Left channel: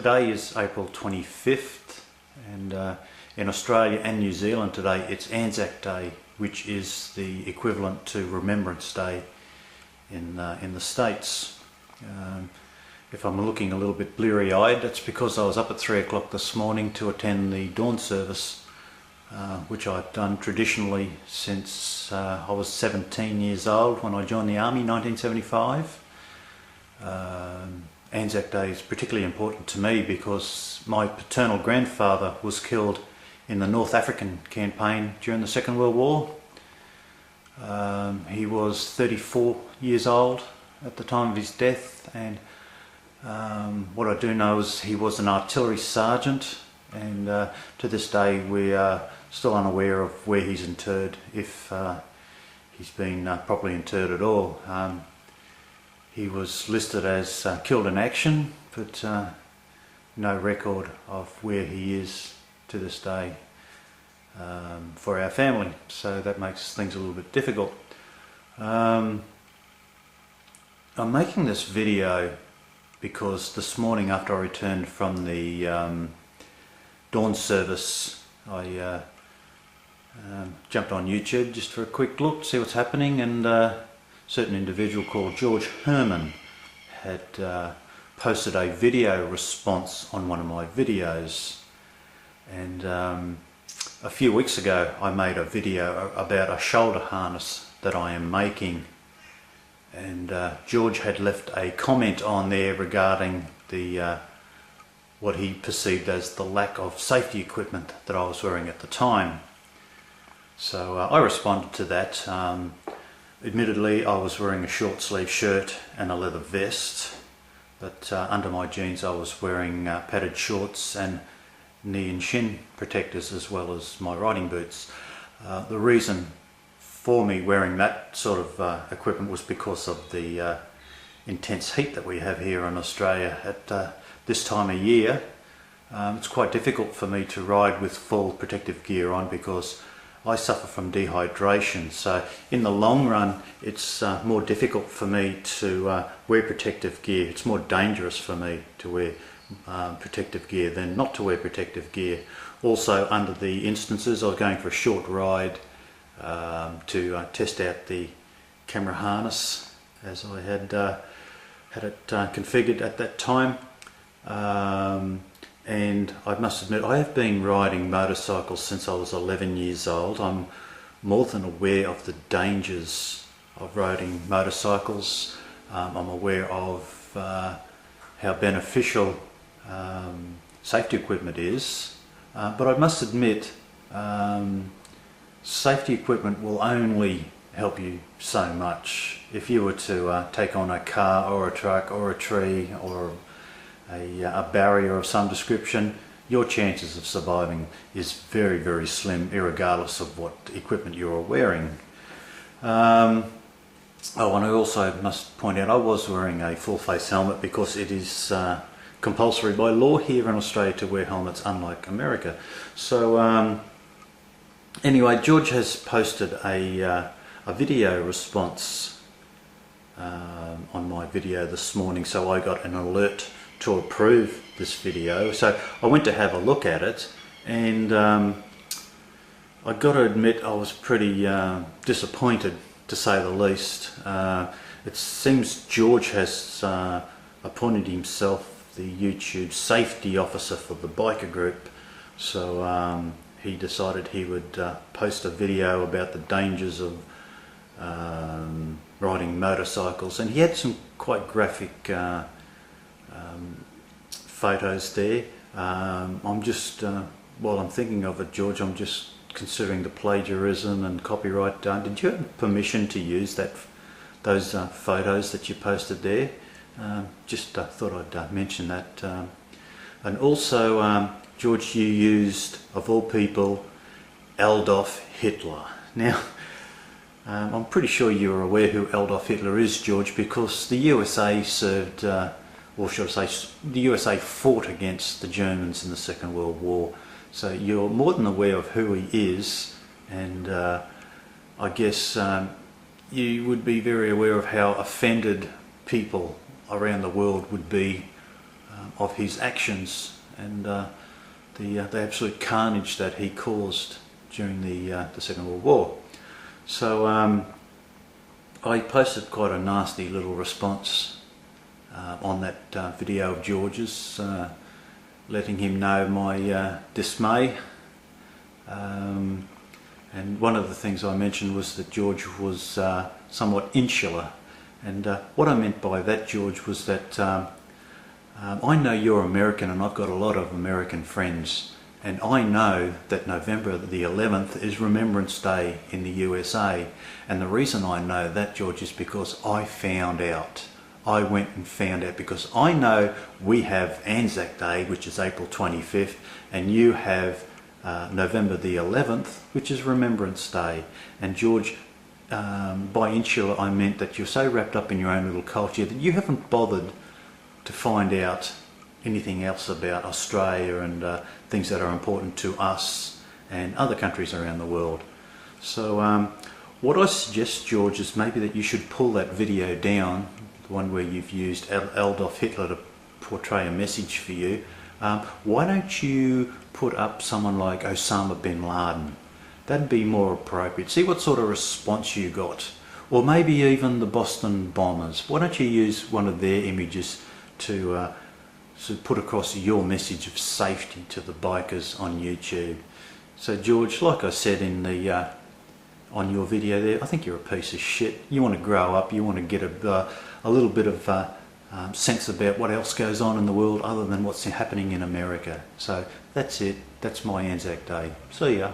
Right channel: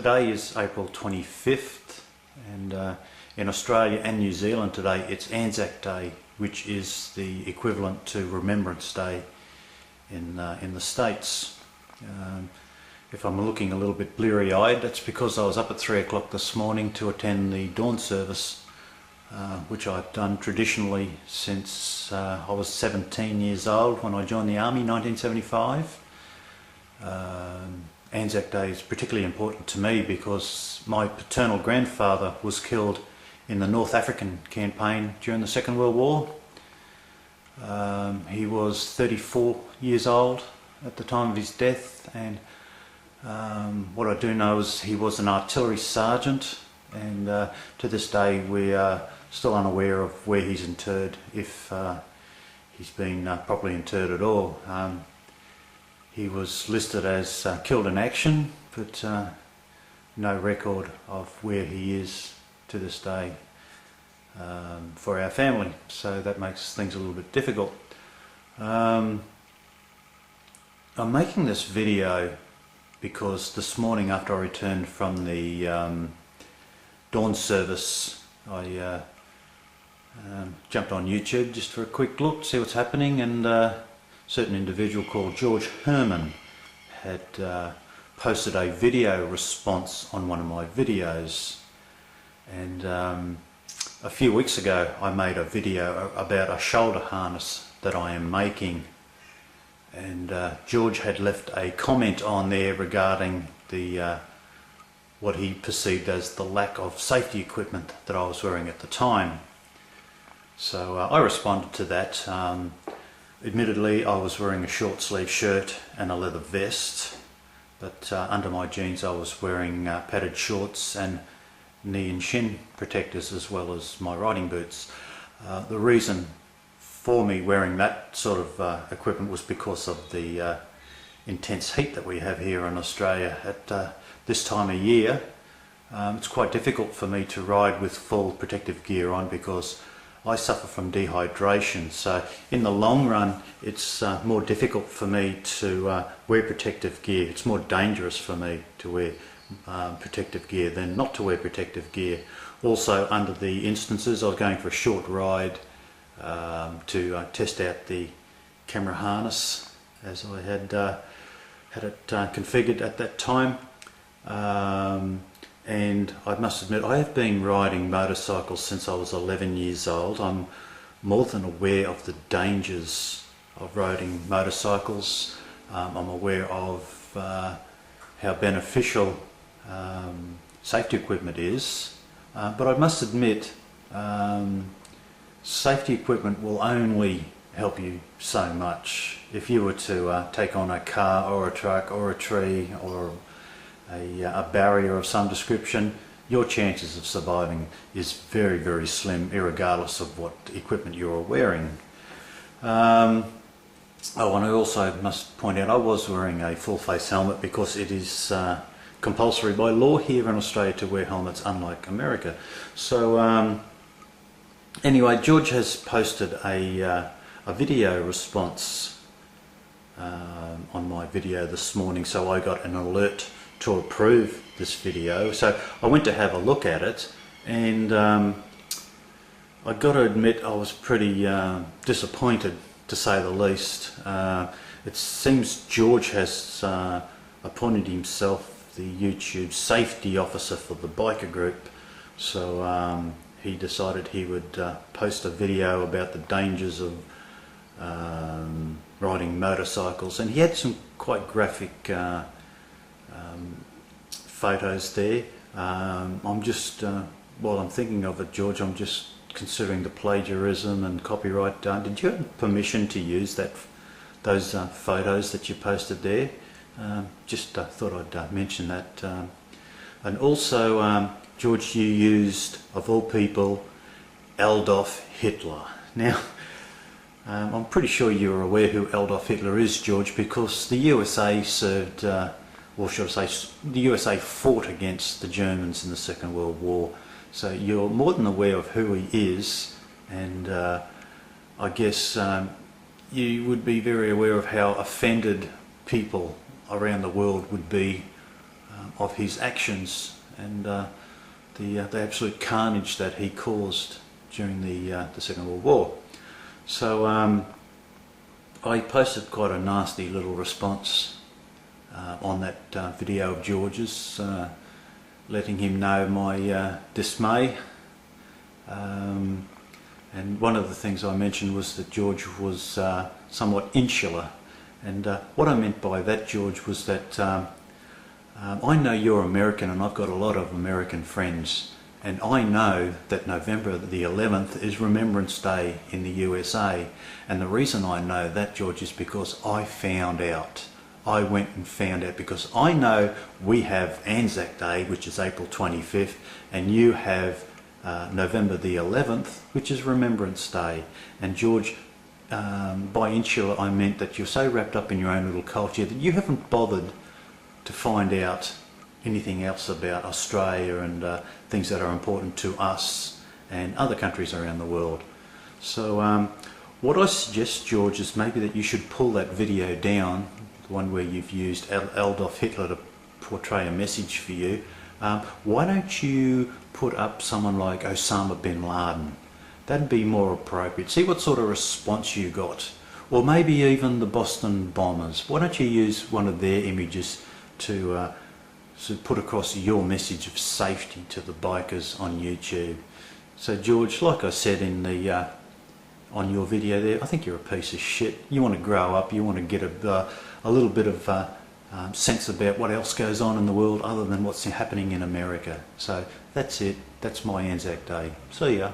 Today is April 25th, and in Australia and New Zealand today it's Anzac Day, which is the equivalent to Remembrance Day in the States. If I'm looking a little bit bleary-eyed, that's because I was up at 3 o'clock this morning to attend the dawn service, which I've done traditionally since I was 17 years old when I joined the Army in 1975. Anzac Day is particularly important to me because my paternal grandfather was killed in the North African campaign during the Second World War. He was 34 years old at the time of his death, and what I do know is he was an artillery sergeant, and to this day we are still unaware of where he's interred, if he's been properly interred at all. He was listed as killed in action, but no record of where he is to this day for our family, so that makes things a little bit difficult. I'm making this video because this morning after I returned from the dawn service, I jumped on YouTube just for a quick look, see what's happening, and certain individual called George Herman had posted a video response on one of my videos, and a few weeks ago I made a video about a shoulder harness that I am making, and George had left a comment on there regarding the what he perceived as the lack of safety equipment that I was wearing at the time. So I responded to that. Admittedly, I was wearing a short sleeve shirt and a leather vest, but under my jeans I was wearing padded shorts and knee and shin protectors, as well as my riding boots. The reason for me wearing that sort of equipment was because of the intense heat that we have here in Australia at this time of year. It's quite difficult for me to ride with full protective gear on because I suffer from dehydration, so in the long run it's more difficult for me to wear protective gear. It's more dangerous for me to wear protective gear than not to wear protective gear. Also, under the instances I was going for a short ride to test out the camera harness as I had it configured at that time. And I must admit, I have been riding motorcycles since I was 11 years old. I'm more than aware of the dangers of riding motorcycles. I'm aware of how beneficial safety equipment is, but I must admit, safety equipment will only help you so much. If you were to take on a car or a truck or a tree or a barrier of some description, your chances of surviving is very, very slim, irregardless of what equipment you're wearing. Oh, and I also must point out I was wearing a full face helmet because it is compulsory by law here in Australia to wear helmets, unlike America. So anyway, George has posted a video response on my video this morning, so I got an alert to approve this video. So I went to have a look at it, and I got to admit I was pretty disappointed, to say the least. It seems George has appointed himself the YouTube safety officer for the biker group, so he decided he would post a video about the dangers of riding motorcycles, and he had some quite graphic photos there. I'm just, while I'm thinking of it, George, I'm just considering the plagiarism and copyright. Did you have permission to use those photos that you posted there? Just thought I'd mention that. And also, George, you used, of all people, Adolf Hitler. Now, I'm pretty sure you're aware who Adolf Hitler is, George, because the USA served, or should I say, the USA fought against the Germans in the Second World War. So you're more than aware of who he is, and I guess you would be very aware of how offended people around the world would be of his actions and the absolute carnage that he caused during the Second World War. So I posted quite a nasty little response on that video of George's, letting him know my dismay. And one of the things I mentioned was that George was somewhat insular, and what I meant by that, George, was that I know you're American and I've got a lot of American friends, and I know that November the 11th is Remembrance Day in the USA, and the reason I know that, George, is because I found out. I went and found out, because I know we have Anzac Day, which is April 25th, and you have November the 11th, which is Remembrance Day. And George, by insular I meant that you're so wrapped up in your own little culture that you haven't bothered to find out anything else about Australia and things that are important to us and other countries around the world. So what I suggest, George, is maybe that you should pull that video down, the one where you've used Adolf Hitler to portray a message for you. Why don't you put up someone like Osama bin Laden? That'd be more appropriate. See what sort of response you got. Or maybe even the Boston bombers. Why don't you use one of their images to put across your message of safety to the bikers on YouTube? So George, like I said in the on your video there, I think you're a piece of shit. You want to grow up, you want to get a little bit of sense about what else goes on in the world other than what's happening in America. So that's it. That's my Anzac Day. See ya.